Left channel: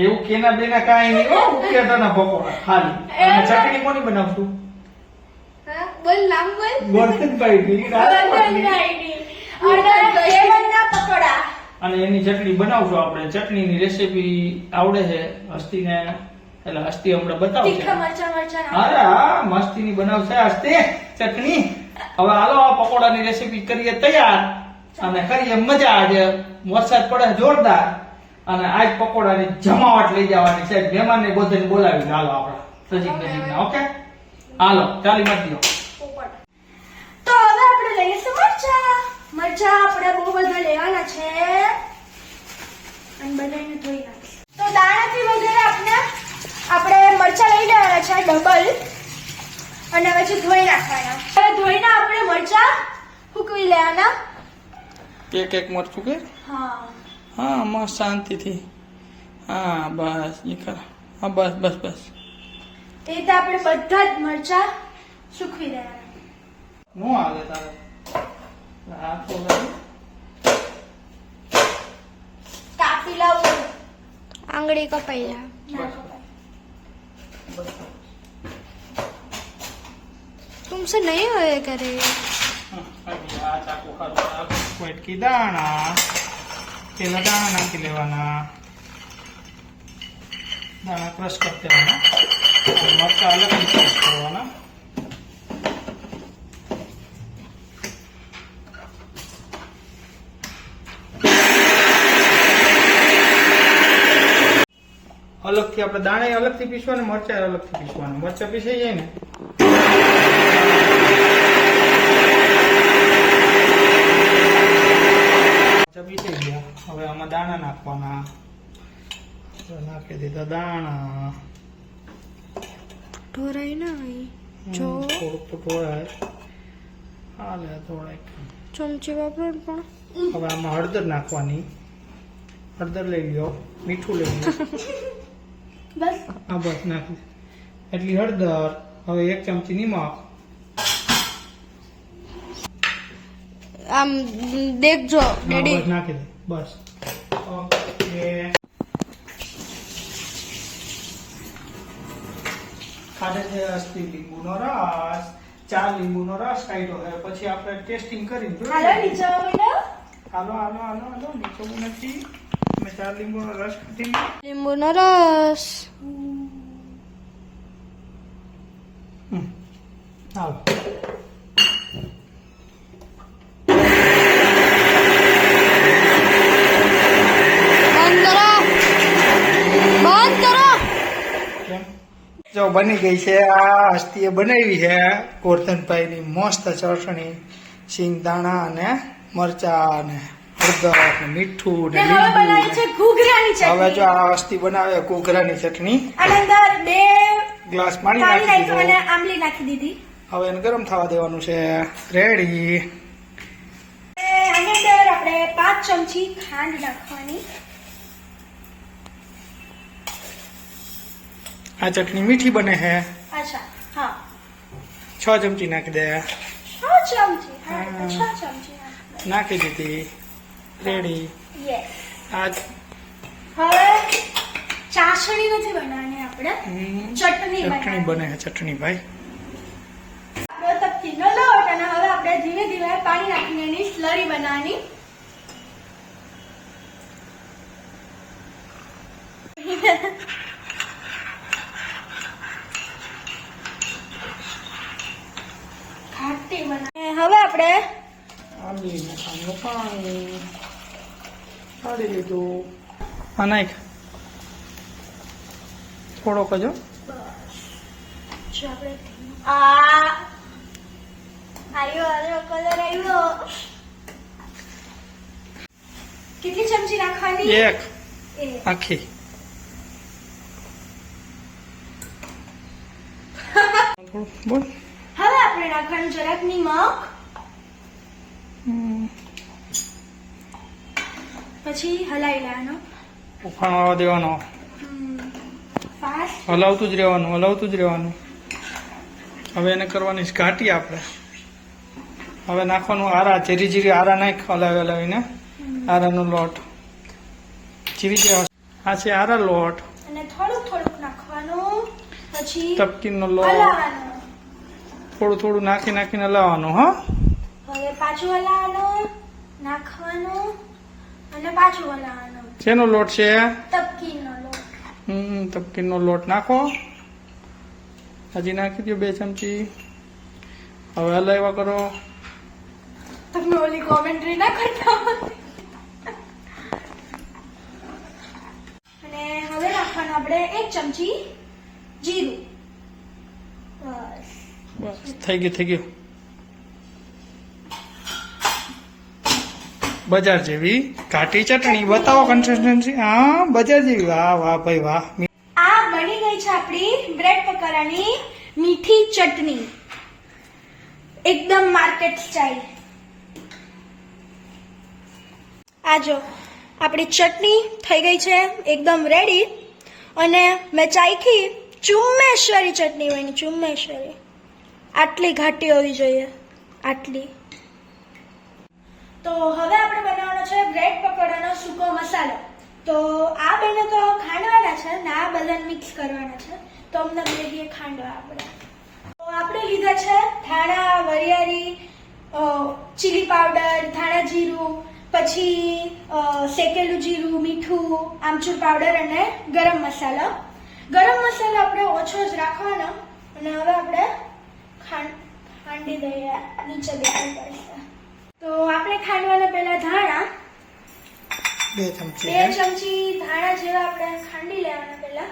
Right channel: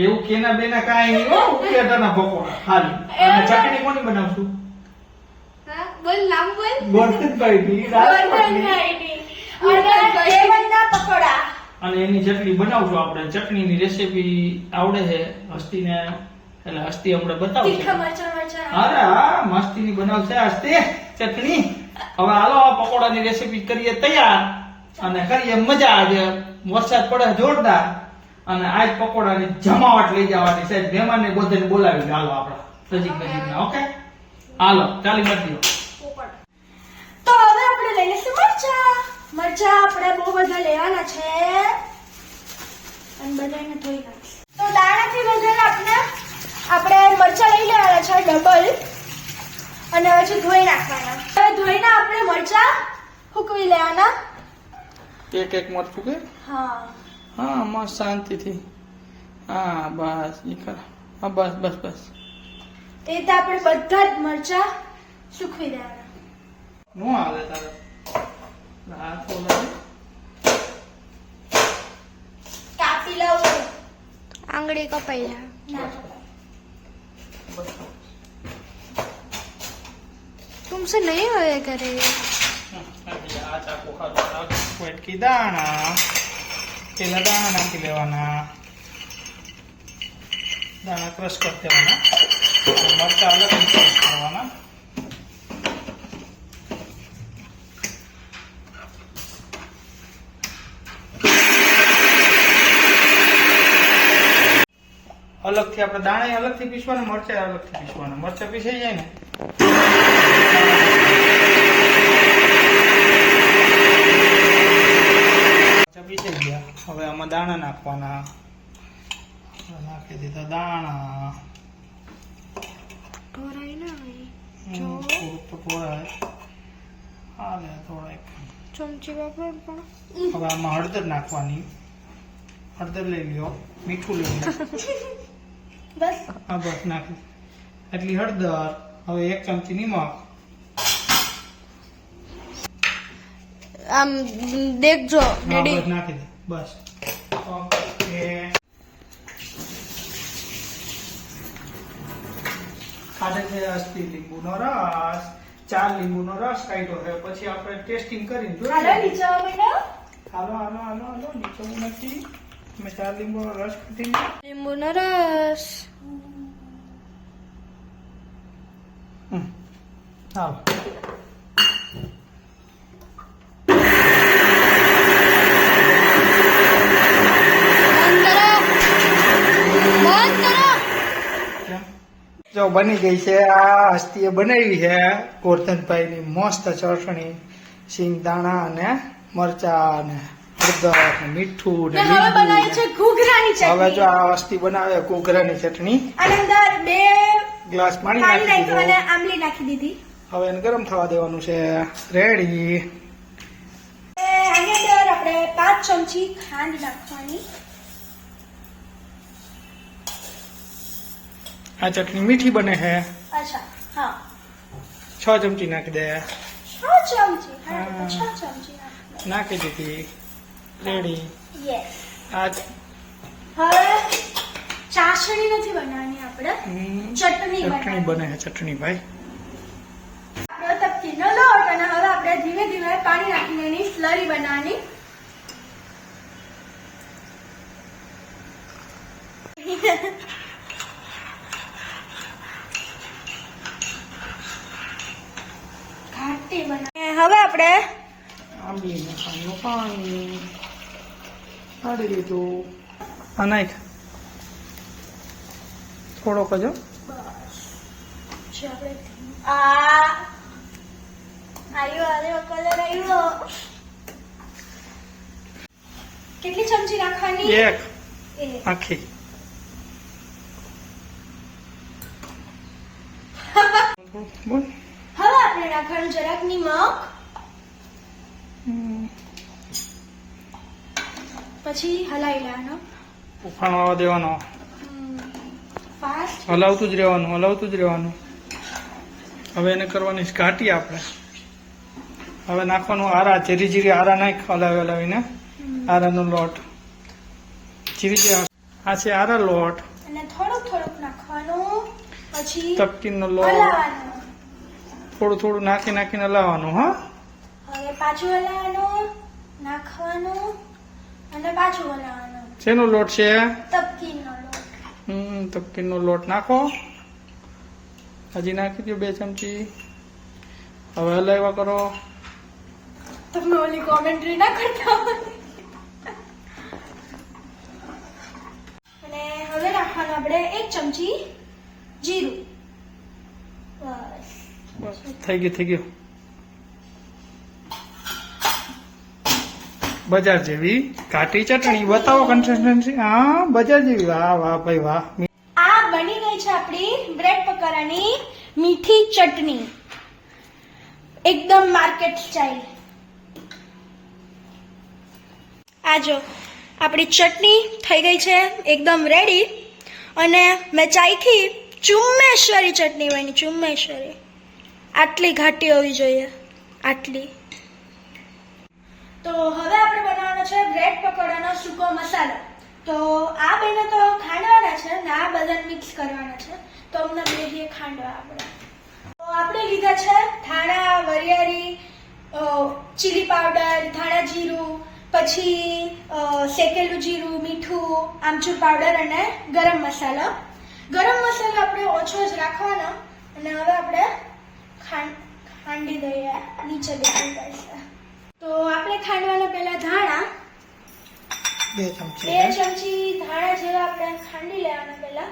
એવું કેના બેના કાંઈ નહીં હો, ઉકેતાના પકોડા ખાલી. અને ચટણી કોની બનાવશું? હા બોલ નામ બોલ. ગોરધનભાઈની રાજકોટની. અને સેવનના પકોડા. અને એની ચટણી બનાવશું આપણે. ચટણીની રેસીપી આવડે છે હસ્તીને, એટલે હસ્તી હમણાં બતાવશે. તીખા મરચાં. અરે હા, મસ્તીની બનાવશે હસ્તી ચટણી. હવે હાલો આ પકોડાની રેસીપી કરીએ તૈયાર અને કરીએ મજા. આજે વરસાદ પડે જોરદાર અને આજ પકોડાની જમાવટ લઈ જવાની છે. મહેમાનને બધાને બોલાવી હાલો આપણા નજીકના. ઓકે હાલો ચાલી મત દો. તો હવે આપણે લઈશું મરચાં આપણે બહુ બધા લેવાના છે અને બધાને ધોઈ નાખીશું. તો દાણાથી વધારે આપણે મરચાં લઈ લેવાના છે ડબલ અને પછી ધોઈ નાખવાના. હવે ધોઈને આપણે મરચાં સૂકવી લેવાના. એક એક મરચું કે હા હા મસ્ત શાંતિથી. હા બસ નીકળ. હા બસ બસ બસ. એ રીતે આપણે બધા જ મરચાં સૂકવી દેવાના. નો આવે તારે હાથ બોલાવે. કાપી લાવું. આંગળી કપાઈ જા. तुमसे नहीं होएगा रे. આ ચાકુ ખાધું. વાટકી દાણા, પેલા દાણા નાખી લેવાના. દાણા ક્રશ કરી દેવાના. મરચા અલગ ક્રશ કરવાના. અલગથી આપણે દાણા અલગથી પીસવાના, મરચા અલગથી પીસવાના. મરચા પીસાઈ જાય ને પીસાઈ ગયા. હવે આમાં દાણા નાખવાના. નાખી દીધા દાણા. ઢોરાઈ ના ભાઈ. જો થોડુંક તો ઢોળાય. હાલે થોડાક. ચમચી વાપરો ને પણ. હવે આમાં હળદર નાખવાની. હળદર લઈ લ્યો. મીઠું લઈ લ્યો. બસ હા બસ નાખી એટલી હળદર. હવે 1 ચમચી નિમક. આમ દેખજો હા, ડેડી. બસ નાખી દે બસ. ખાધે છે અસ્તી લીંબુનો રસ. 4 લીંબુનો રસ કાઢ્યો છે. પછી આપણે ટેસ્ટિંગ કરીને હવે નીચે બેટા હાલો હાલો હાલો હાલો નીચે નથી. મેં 4 લીંબુનો રસ કાઢીને લીંબુનો રસ. હાલો. જો બની ગઈ છે. આ હસ્તીએ બનાવી છે ગોરધનભાઈની મસ્ત ચટણી. સિંગ દાણા અને મરચા અને હળદર અને મીઠું ને હવે બનાવી છે લીંબુ. ઘૂઘરાની હવે જો ચટણી. આ હસ્તી બનાવે ઘૂઘરાની ચટણી. અને અંદર 2 ગ્લાસ પાણી નાખી અને દીધું. આંબલી નાખી દીધી. હવે એને ગરમ થવા દેવાનું છે. રેડી. આની અંદર આપણે 5 ચમચી ખાંડ નાખવાની. આ ચટણી મીઠી બને છે. અચ્છા હા 6 ચમચી નાખી દે. 6 ચમચી. હા હા. 6 ચમચી નાખવાની. નાખી દીધી. રેડી. યસ. આ હવે ચાસણી નથી બનાવવાની આપણે. ચટણી ચટણી બને છે. ચટણી ભાઈ આપણે તપતીનો લોટ અને હવે આપણે ધીમે ધીમે પાણી નાખીને એની સ્લરી બનાવવાની. ઘાટી બનાવી. હવે આપણે આંબલી નાખવાનું પાણી નાખી દીધું. હા નાખ થોડોક જ હો. આવ્યો કલર આવ્યો. કેટલી ચમચી નાખવાની? 1 એક. આખી. બોલ. હવે આપણે નાખવાનું જરાક નિમક. પછી હલાવી લેવાનો. ઉફાણો આવવા દેવાનો. ફાસ્ટ. હલાવતું જ રહેવાનું. હવે એને કરવાની છે ઘાટી આપણે. હવે નાખવાનું આરા. જીરી આરા નાખ. હલાવીને આરાનો લોટ. જીરી આ છે આરા લોટ, અને થોડુંક થોડુંક નાખવાનું, પછી તપકીનો લોટ હલાવવાનું. થોડું થોડું નાખીને લાવવાનું. હો હવે પાછું હલાવવાનું, નાખવાનું અને પાછું હલાવવાનું. શેનો લોટ છે? તપકીનો લોટ. તપકીનો લોટ નાખો. હજી નાખી દો 2 ચમચી. હવે હલાવ્યા કરો. તમે ઓલી કોમેન્ટ્રી ના કરતા હોય. અને હવે નાખવાનું આપણે 1 ચમચી જીરું. બસ બસ થઈ ગયું. બજાર જેવી ઘાટી ચટણી. બતાવો કન્સિસ્ટન્સી. હા, બજાર જેવી. વાહ વાહ ભાઈ વાહ. આ બની ગઈ છે આપણી બ્રેડ પકોડાની મીઠી ચટણી, એકદમ માર્કેટ સ્ટાઇલ. આ જો આપણી ચટણી થઈ ગઈ છે એકદમ રેડી. અને મેં ચાખી, ચુમ્મેશ્વરી ચટણી બની, ચુમ્મેશ્વરી. આટલી ઘાટી હોવી જોઈએ, આટલી. તો હવે આપણે બનાવવાનો છે બ્રેડ પકોડાનો સૂકો મસાલો. તો આ બેને તો ખાંડવાના છે ને આ બધા મિક્સ કરવાના છે, તો અમને બે ખાંડવા આપણે. તો આપણે લીધા છે ધાણા, વરિયાળી, ચીલી પાવડર, ધાણા જીરું, પછી શેકેલું જીરું, મીઠું, આમચૂર પાવડર અને ગરમ મસાલો. ગરમ મસાલો આપણે ઓછો જ રાખવાનો. અને હવે આપણે ખાંડી દઈએ, નીચે બેસી પડશે. તો આપણે ખાંડવાના પહેલા ધાણા 2 ચમચી. 2 ચમચી ધાણા જેવા આપણે ખાંડી લેવાના પહેલા.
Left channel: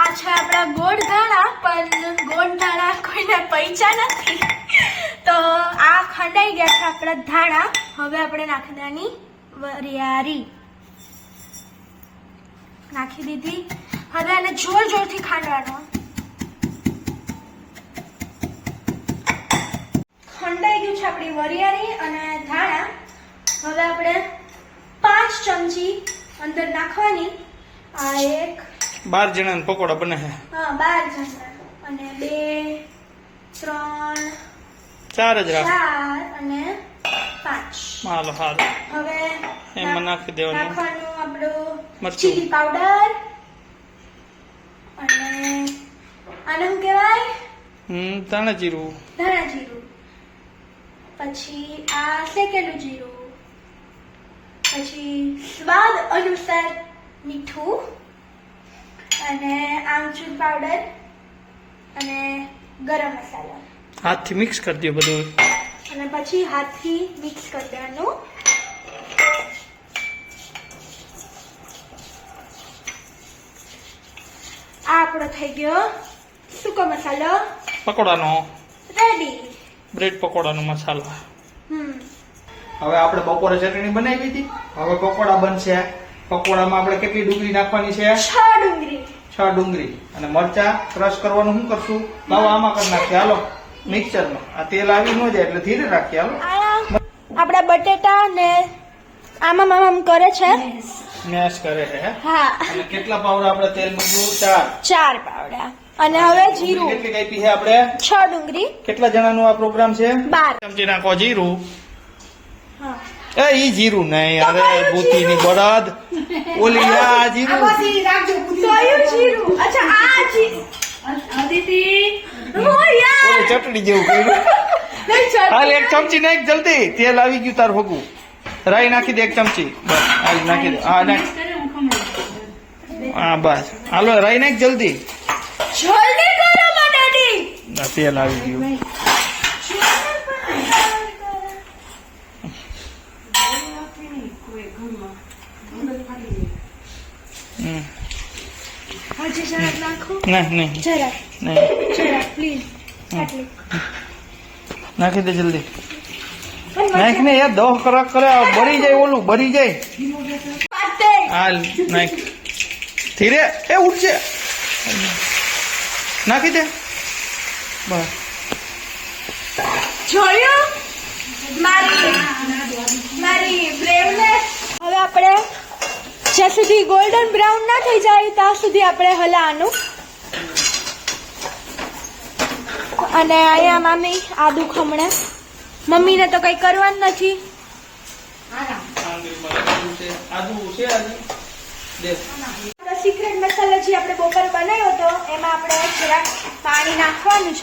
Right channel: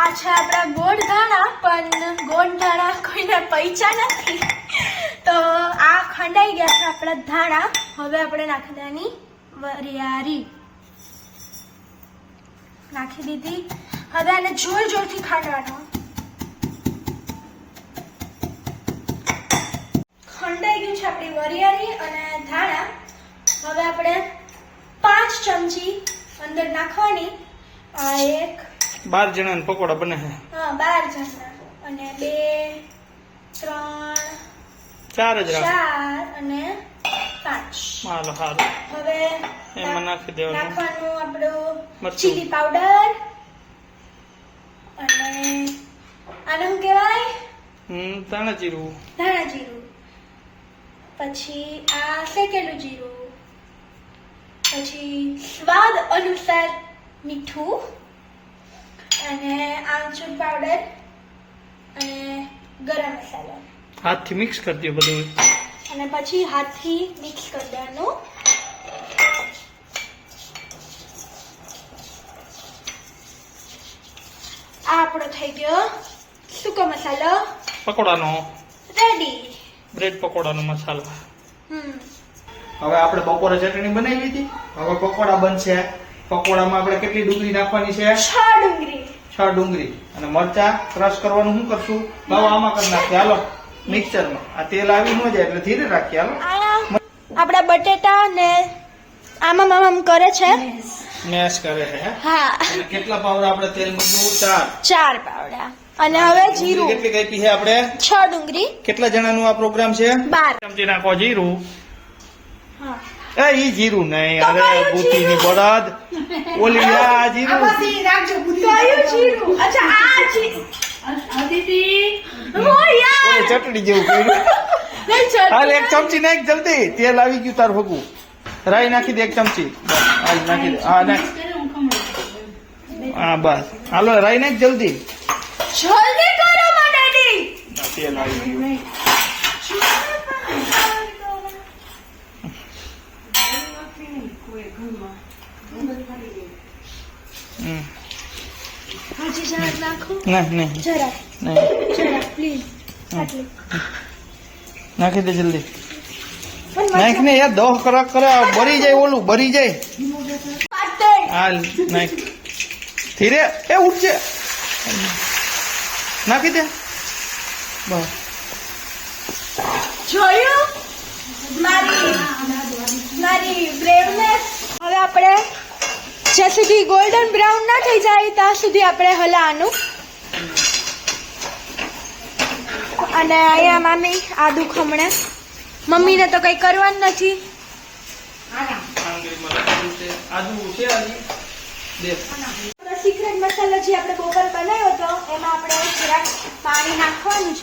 આ છે આપણા ગોળ ધાણા, પણ ગોળ ધાણા કોઈને પૈસા નથી, તો આ ખંડાઈ ગયા છે આપણા ધાણા. હવે આપણે નાખી દેવાની વરિયાળી. નાખી દીધી. હવે આને જોર જોરથી ખાંડવાનો. ખંડાઈ ગયું છે આપણી વરિયાળી અને ધાણા. હવે આપણે 5 ચમચી અંદર નાખવાની. આ 12 જણાના પકોડા બને છે. હા, 12 જણા. અને 2, 3, 4 જ રાખ. 4 અને 5. હાલો હાલો. હવે એમાં નાખી દેવાનું નાખવાનું આપણું મરચું. Chilli powder. અને આને શું કહેવાય? ધાણા જીરું. ધાણા જીરું. પછી આ શેકેલું જીરું. પછી સ્વાદ અનુસાર મીઠું અને આમચૂર પાવડર અને ગરમ મસાલો. હાથથી મિક્સ કરી દો બધું. અને પછી હાથથી મિક્સ કરી દેવાનું. આ આપણો થઈ ગયો સૂકો મસાલો પકોડાનો રેડી. બ્રેડ પકોડાનો મસાલો. હમ હવે આપણે બપોરે ચટણી બનાવી હતી. હવે પકોડા બનશે. પકોડામાં આપણે કેટલી ડુંગળી નાખવાની છે? 6 ડુંગળી. 6 ડુંગળી. અને મરચા ક્રશ કરવાનું શું કરશું? હવે આમાં કરી નાખીએ. હાલો મિક્સરમાં. આ તેલ આવી ન જાય એટલે ધીરે રાખીએ. હાલો. આપડા બટેટા ને આમ કરે છે. મેશ કરે છે. હા, અને કેટલા પાવડા આપણે તેલ મૂક્યું? 4. 4 પાવડા. અને હવે જીરું કેટલી કાપી છે આપણે? 6 ડુંગળી. કેટલા જણાનો આ પ્રોગ્રામ છે? 12. ચમચી નાખો જીરું. હા. ઈ જીરું નહીં. તો અરે કયું બુદ્ધિની બળદ. ઓલી આ જીરું. કયું જીરું? અચ્છા, આ જીરું. ઓ યાર. ઓલી ચટણી જેવું કર્યું. નહીં, ચટણી હાલ 1 ચમચી નાખ જલ્દી. તેલ આવી ગયું તાર ભગું. રાઈ નાખી દે 1 ચમચી. બસ હાલ નાખી દે. હા નાખ. હા બસ હાલો રાઈ નાખ જલ્દી. જલ્દી કરો બટેટી. ના, તેલ આવી ગયું. હજી જરાક નાખું. ના નહીં જરાક નહીં પ્લીઝ. આટલી. નાખી દે જલ્દી. પણ નાખ ને યાર દહ કરાક કરે બરી જાય. ઓલું બરી જાય. પાતે. હાલ નાખ. ધીરે એ ઉઠશે. નાખી દે. બસ જોયું મારી બ્રેવનેસ. હવે આપણે જ્યાં સુધી ગોલ્ડન બ્રાઉન ના થઈ જાય ત્યાં સુધી આપણે હલાવાનું. અને અહીંયા મામી આદુ ખમણે. મમ્મીને તો કઈ કરવાનું નથી. મંદિરમાં લખેલું છે આદુ છે હજી દેખ આપણો સિક્રેટ મસાલો જે આપણે બપોરે બનાવ્યો હતો એમાં આપણે જરાક પાણી નાખવાનું છે.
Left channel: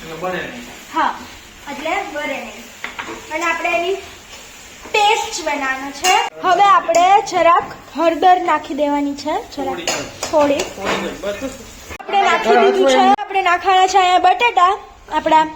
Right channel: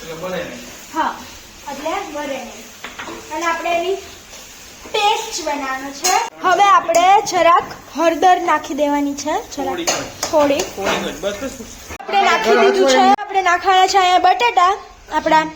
એટલે બને નહીં. હા, એટલે બરે નહીં. અને આપણે એની પેસ્ટ બનાવવાનો છે. હવે આપણે જરાક હળદર નાખી દેવાની છે, જરાક થોડી. આપણે નાખી દીધું છે. આપણે નાખવાના છે અહીંયા બટાટા આપણા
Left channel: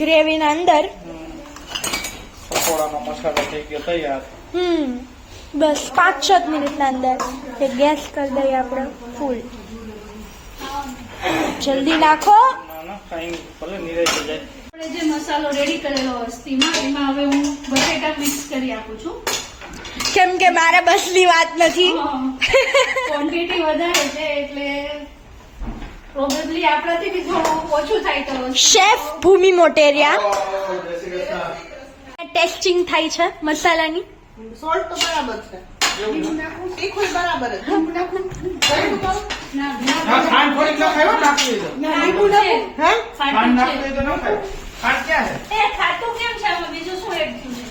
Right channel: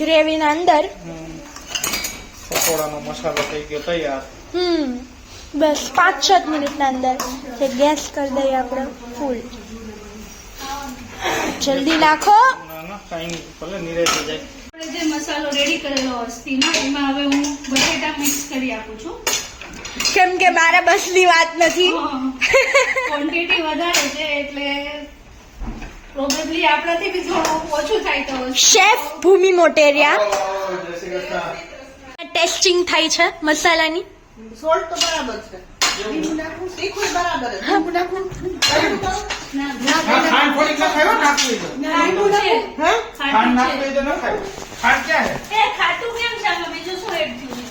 ગ્રેવીના અંદર. પકોડાનો મસાલો થઈ ગયો તૈયાર. બસ 5-7 મિનિટના અંદર જે ગેસ કરી દઈએ આપણે ફૂલ. જલ્દી નાખો. ના ના કાંઈ ભલે નિરાશ થઈ જાય. આપણે જે મસાલો રેડી કરેલો અસ્તીમાં એમાં હવે હું બટેટા મિક્સ કરી આપું છું. કેમ કે મારા બસની વાત નથી. ક્વોન્ટિટી વધારે છે એટલે પ્રોબેબલી આપણાથી બી થોડું ઓછું થાય તો શેફ ભૂમિ મોટેરિયા જય શ્રી કૃષ્ણ. ટેસ્ટિંગ થાય છે મસાલાની. સોલ્ટ તો બરાબર છે તીખું બરાબર છે હા, ખાંડ થોડીક નાખો, નાખી દો. ખાટું છે. હા ખાંડ નાખી દઈ તો ન ખાય. ખાંડ ક્યાં છે? એ ખાટું કેમ છે આમાં બીજું શું એડ થયું છે?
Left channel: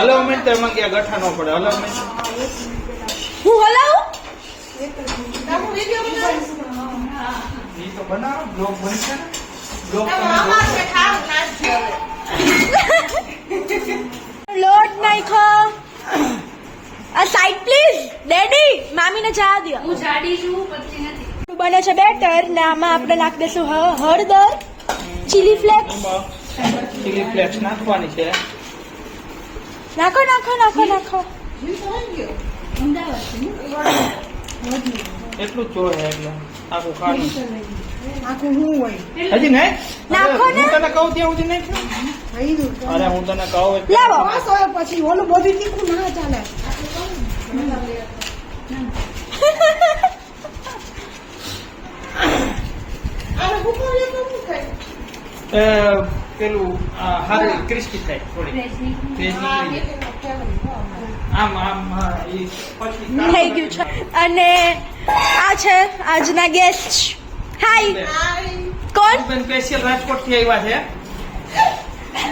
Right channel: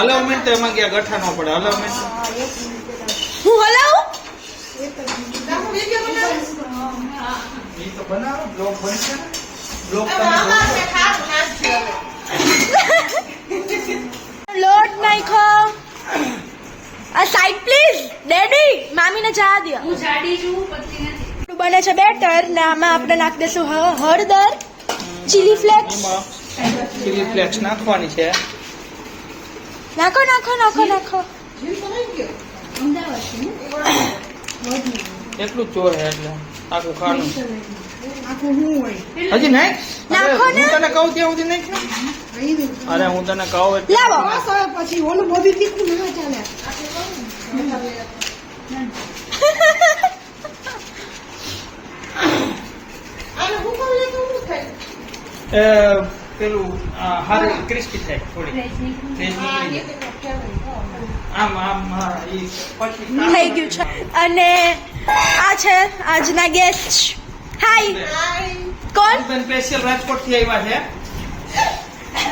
હલો મિનિટ એમાં ગયા ગઠ્ઠા ન પડે. હલો મિનિટ હું હલાવું. એ તો બનાવો બ્લોગ બનશે ને. બ્લોગ તમે આમાં ખારું નાખજો હવે લોટ નાખો. આ સાઈડ પ્લીઝ ડેડી. મામીને ચા દો. હું જાડી છું પતલી નથી. બને છે બેટર ને આમાં આપણે નાખી દઈશું હળદર, ચીલી ફ્લેક્સ. ચીલી ફ્લેક્સ નાખવાની છે. નાખો નાખો નાખો નાખો. એટલું જ ચોર છે એટલે આખું ખાવાનું. આખું હું હોય હજી નહીં નાખો ને. હું તને કહું ત્યાં સુધી નહીં. અરે હું તને કહું એટલે લાવો. બસ હવે પછી ઓલું બધું તીખું ના ચાલે આને હુકમ લેતો હું થાય પેલું હારું ક્રિસ્પી થાય થોડી તેજ નીકળી જાય. આમ આમ હા, એ પછી થઈ ગયું છે. અને આ છે આજના ગેસ્ટ. હાય. કોણ? બેન સ્પેશિયલ રાજકોટ થી આવ્યા છે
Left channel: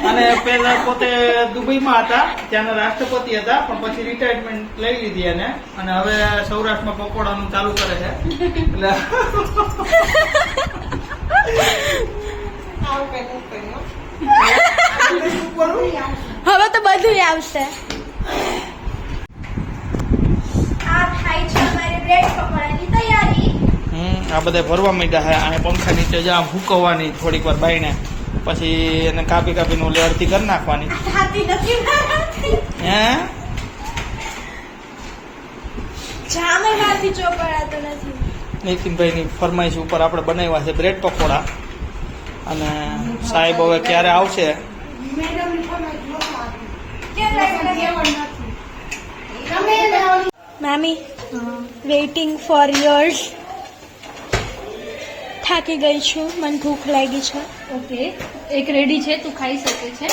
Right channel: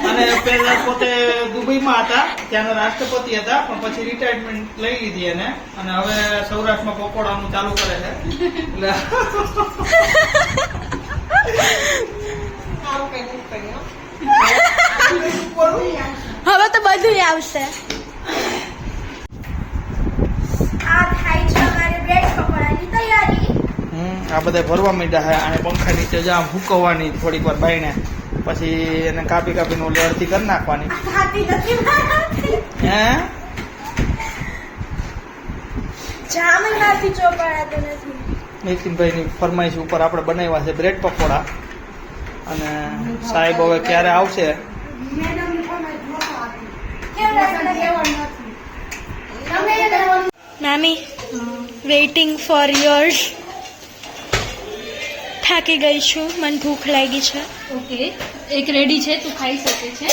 અને પહેલા પોતે દુબઈમાં હતા, ત્યાંના રાષ્ટ્રપતિ હતા, પણ પછી રિટાયરમેન્ટ લઈ લીધી એને અને હવે સૌરાષ્ટ્રમાં પકોડાનું ચાલુ કરે છે. એટલે આવું કઈ હું કર્યું હવે તો બધું આવશે. આ થાય છે અમારી બ્રેડ પકોડાની તૈયારી. આ બધા ભરવા માંડ્યા છે. અહીંયા પંખા નીચે જ આમ હુકવવાની થોડીક વાર બાઈને, પછી એને કાપી કાપીને ઓલી અડધી કરી નાખવાની. થાકી નથી મારાથી. હે જામે મારથી ચોકડાતો નથી. નીતિનભાઈની ફરમાઈશ ઉપર આપણે બનાવ્યા છે બ્રેડ પકોડા. અને સાહેબ હવે ક્યારે આવશે મામી વેઇટિંગ ફોર યોર્સ. થાકી ગઈ છું, મને ભૂખ લાગી છે. ઓકે એક રેડી છે તું ખાઈ શકે છે.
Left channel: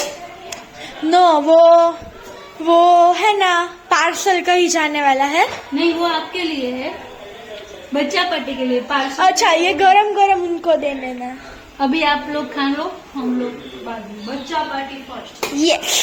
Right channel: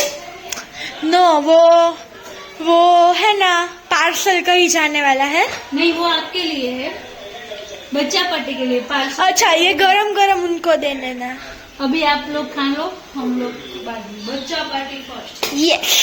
नो वो है ना पार्सल कहीं जाने वाला है. नहीं वो आपके लिए है बच्चा पार्टी के लिए पार्सल. अच्छा ये गरम गरम उनको देने ना. अभी आप लोग खा लो हम लोग बाद में बच्चा पार्टी फर्स्ट. यस.